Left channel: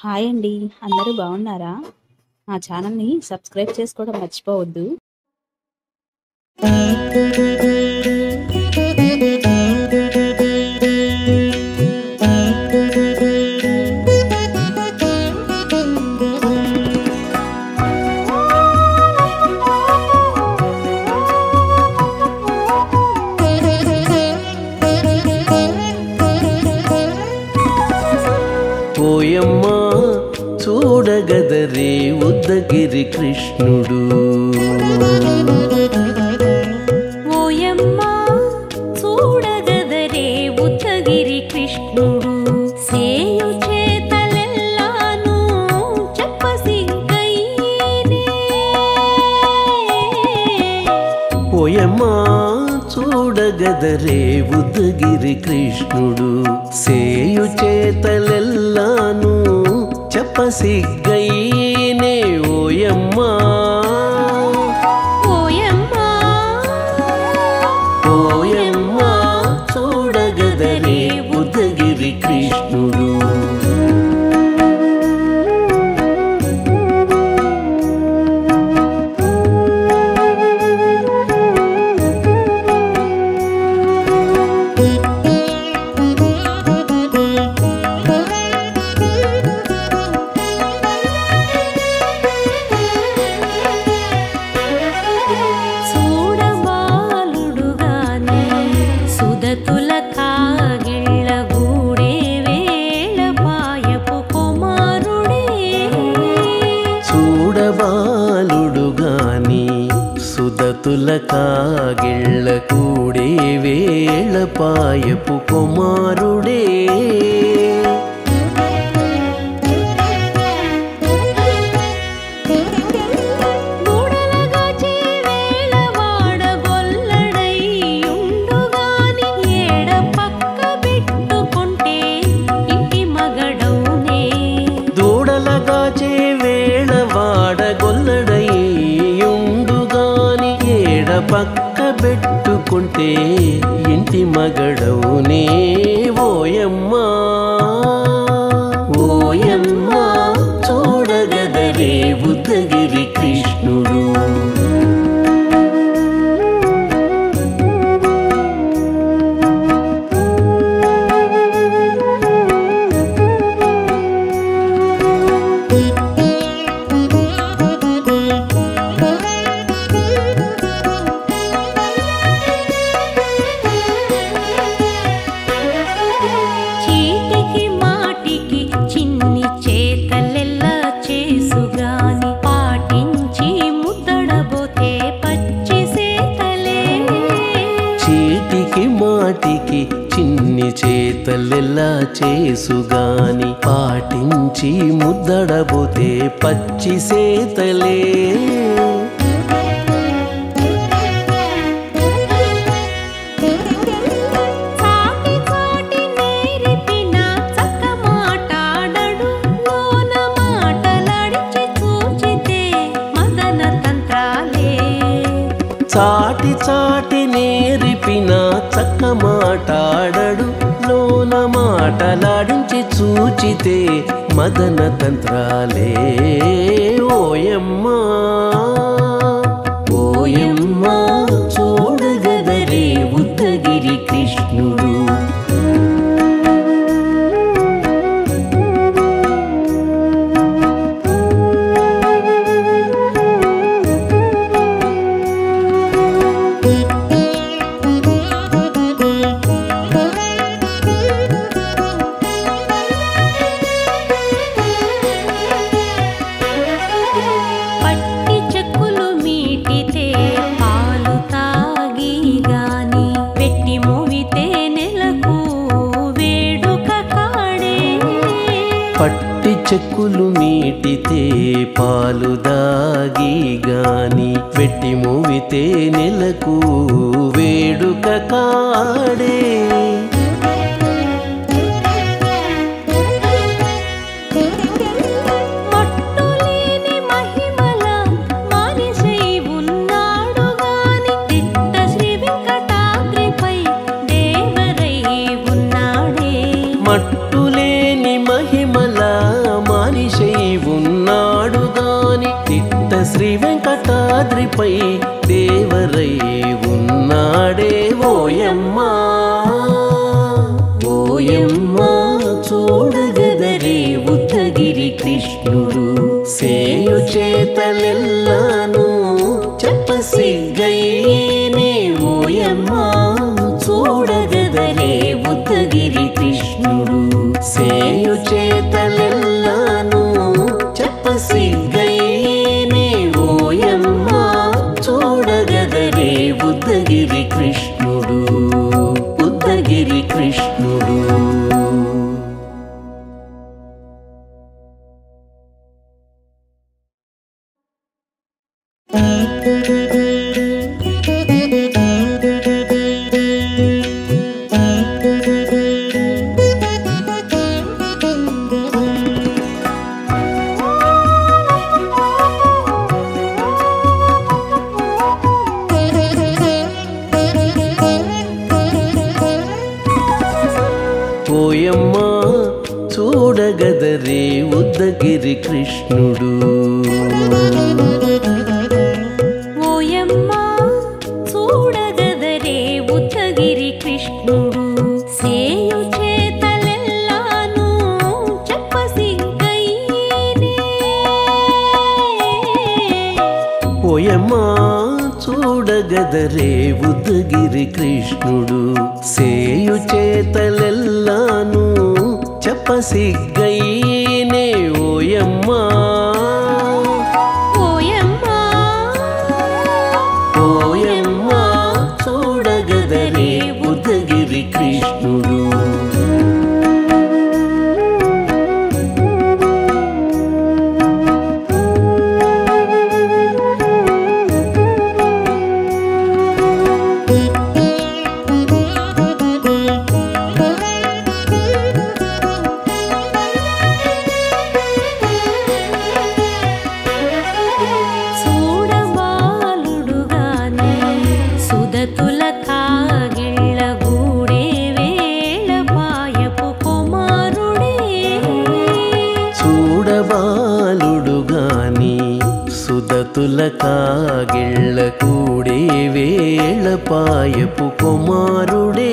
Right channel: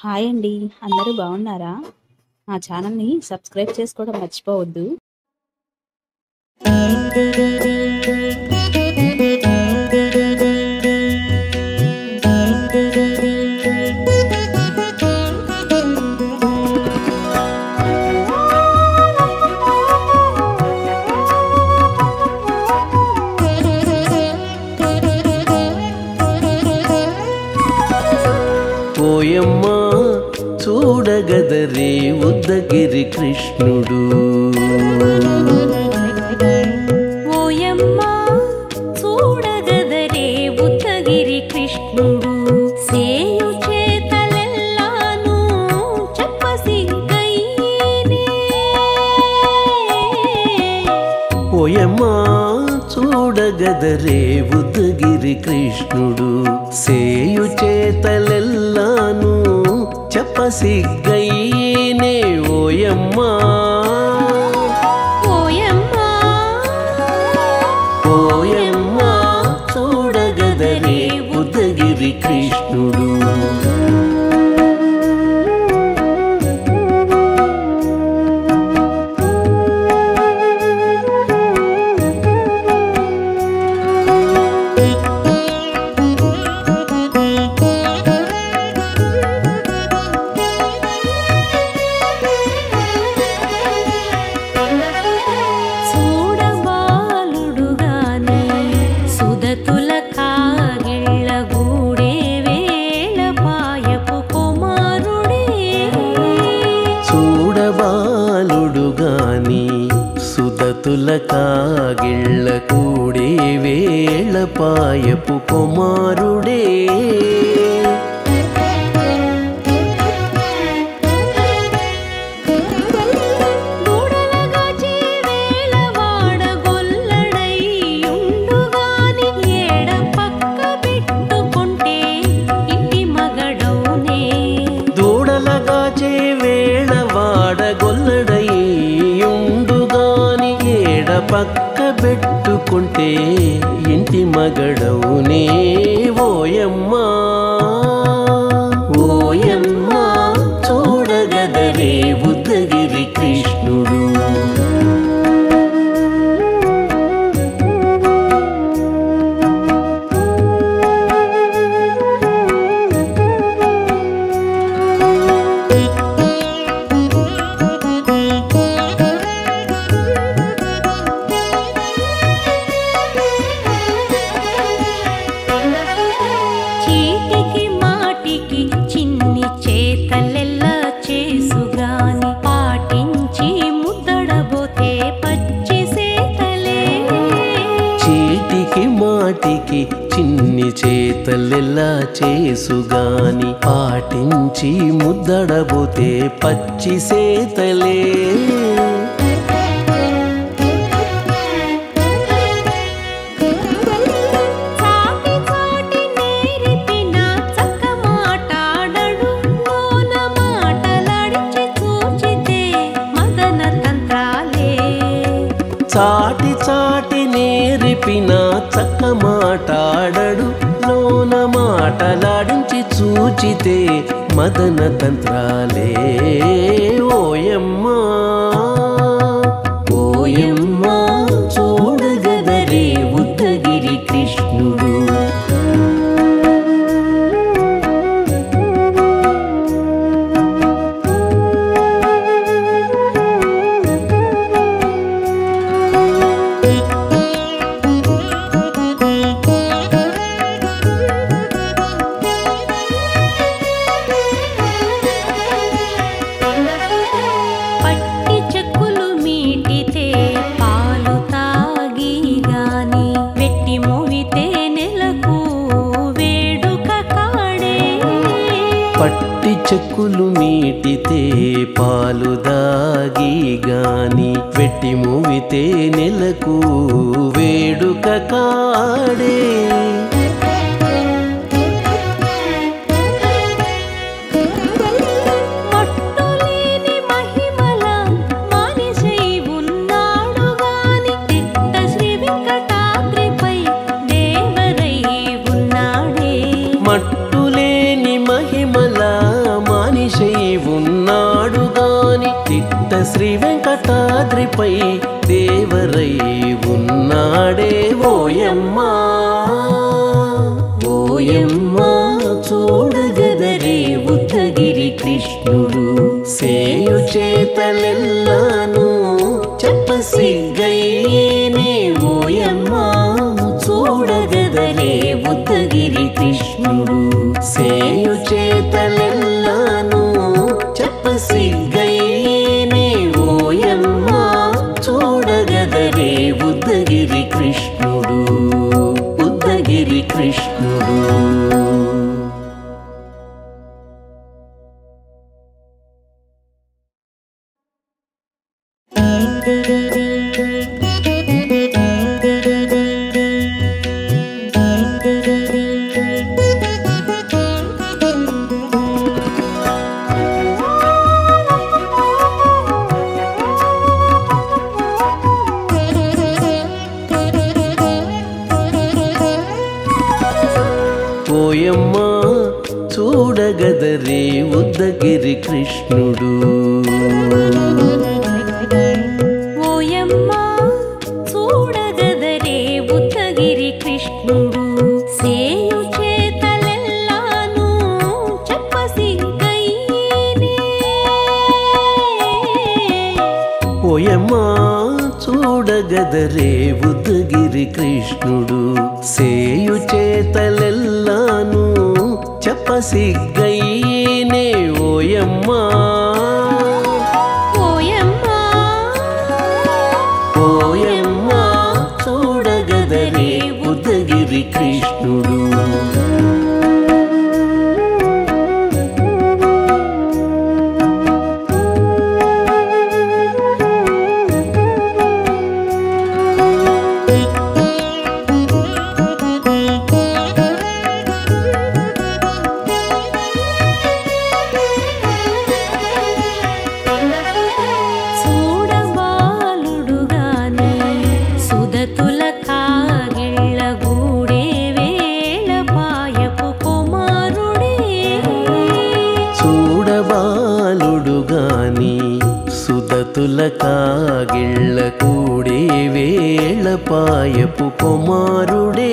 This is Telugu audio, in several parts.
హాయ్ అండి. అందరూ బాగున్నారా? మా ఛానల్‌ని సబ్స్క్రైబ్ చేసుకోవడం మర్చిపోవద్దు. ఓయమ్మా చూడగదరే ఉద్దగిరి కృష్ణుడు. ఓయమ్మా చూడగదరే ఉద్దగిరి కృష్ణుడు. సేయు చేతలెల్లాను చెప్పసిగ్గయ్యేనే. ఓయమ్మా చూడగదరే ఉద్దగిరి కృష్ణుడు. సేయు చేతలెల్లాను చెప్పసిగ్గయ్యేనే. ఓయమ్మా ఓయమ్మా ఓయమ్మా చూడగదరే ఉద్దగిరి కృష్ణుడు. చూడబాలుడుగాని సుదతుల కాగిళ్ళ గూడే వేళ పాయపు కుమారుడే. చూడబాలుడుగాని సుదతుల కాగిళ్ళ కూడే వేళ పాయపు కుమారుడే. దూడలగాచే వేళ వాడగొల్లడయ్యుండుగాని ఏడ పక్క పెట్టుకుంటే ఇంటి మగడౌనే. దూడలగాచే వేళ వాడగొల్లడయ్యుండుగాని ఏడ పక్క పెట్టుకుంటే ఇంటి మగడవునే. ఓయమ్మా ఓయమ్మా చూడగదరే ఉద్దగిరి కృష్ణుడు. చీటికి మాటికి చిన్ని చేతలెల్లా చేసుగాని పాటించి ముద్దడబోతే పచ్చి సేతలే. చీటికి మాటికి చిన్ని చేతలెల్లా చేసుగాని పాటించి ముద్దడబోతే పచ్చి సేతలే. చాటి చాటి నేర్పిన చక్క మాటాడడు లోన మాటలాడించి చూచితే మదన తంత్రాలే. చాటి చాటి నేర్పిన చక్క మాటాడడు లోన మాటలాడించి చూచితే మదన తంత్రాలే. ఓయమ్మా ఓయమ్మా చూడగదరే ఉద్దగిరి కృష్ణుడు. పట్టి చెక్కులు మీటితే పాలు తాగి గాని వెట్టి మోవితే నెలకు వేడుక కాడే. పట్టి చెక్కులు మీటితే పాలు దాగి గాని వెట్టి మూవితే నెలకు వేడుక కాడే. మట్టులేని మహిమల మానిషై ఉన్నాడు గాని తిట్ట శ్రీ వెంకటాద్రిపై దేవరై ఉన్నాడే. మట్టులేని మహిమల మనిషై ఉన్నాడు గాని తిట్ట శ్రీ వెంకటాద్రిపై దేవరై ఉన్నాడే ఓయమ్మా ఓయమ్మా చూడగదరే ఉద్దగిరి కృష్ణుడు సేయు చేతలెల్లాను చెప్పసిగ్గయ్యేనే ఓయమ్మా చూడగదరే ఉద్దగిరి కృష్ణుడు సేయు చేతలెల్లాను చెప్పసిగ్గయ్యేనే ఓయమ్మా చూడగదరే ఉద్దగిరి కృష్ణుడు ఉద్దగిరి కృష్ణుడు. ఓయమ్మా చూడగదరే ఉద్దగిరి కృష్ణుడు ఓయమ్మా చూడగదరే ఉద్దగిరి కృష్ణుడు సేయు చేతలెల్లాను చెప్పసిగ్గయ్యేనే ఓయమ్మా చూడగదరే ఉద్దగిరి కృష్ణుడు సేయు చేతలెల్లాను చెప్పసిగ్గయ్యేనే ఓయమ్మా ఓయమ్మా ఓయమ్మా చూడగదరే ఉద్దగిరి కృష్ణుడు. సుదతుల కాగిళ్ళ గూడే వేళ పాయపు కుమారుడే చూడబాలుడు గాని సుదతుల కాగిళ్ళ కూడే వేళ పాయపు కుమారుడే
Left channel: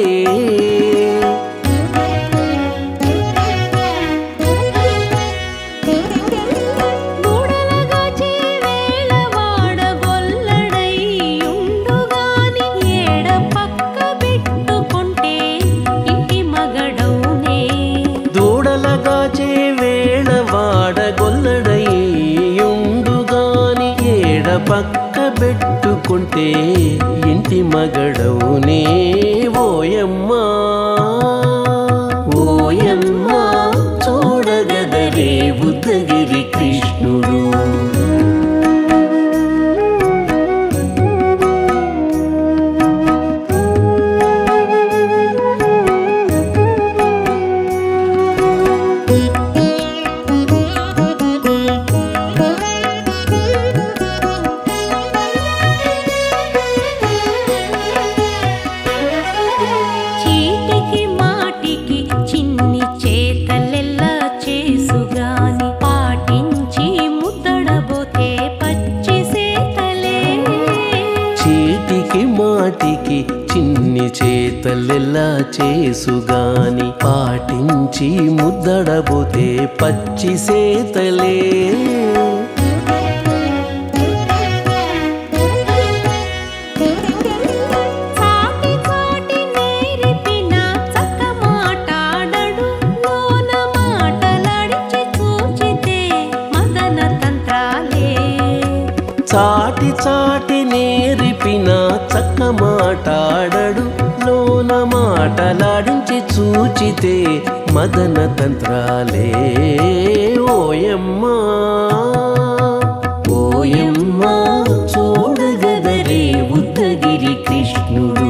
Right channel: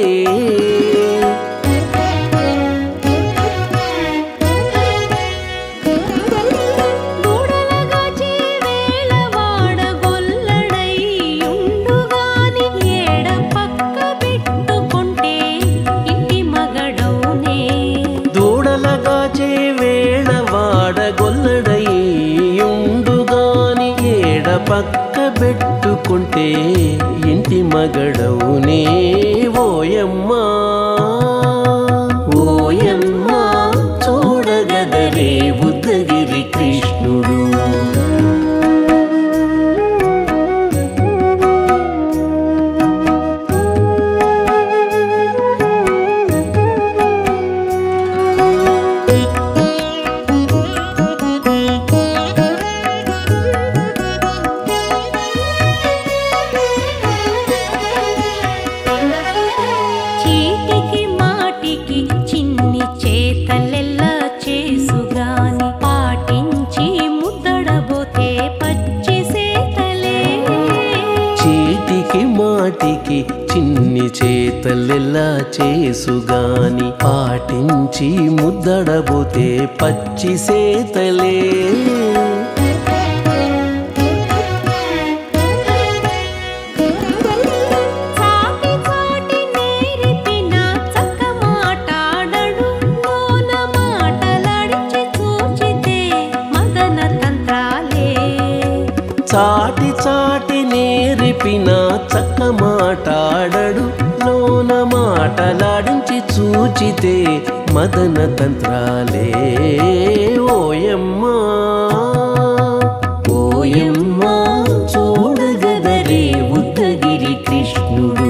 దూడలగాచే వేళ వాడగొల్లడయ్యుండుగాని ఏడ పక్క పెట్టుకుంటే ఇంటి మగడవునే ఓయమ్మా ఓయమ్మా చూడగదరే ఉద్దగిరి కృష్ణుడు. చిన్ని చేతలెల్లా చేసుగాని పాటించి ముద్దడబోతే పచ్చి సేతలే చీటికి మాటికి చిన్ని చేతలెల్లా చేసుగాని పాటించి ముద్దడబోతే పచ్చి సేతలే చాటి చాటి నేరిపిన చక్క మాటాడడు లోన మాటలాడించి చూచితే మదన తంత్రాలే ఓయమ్మా ఓయమ్మా చూడగదరే ఉద్దగిరి కృష్ణుడు.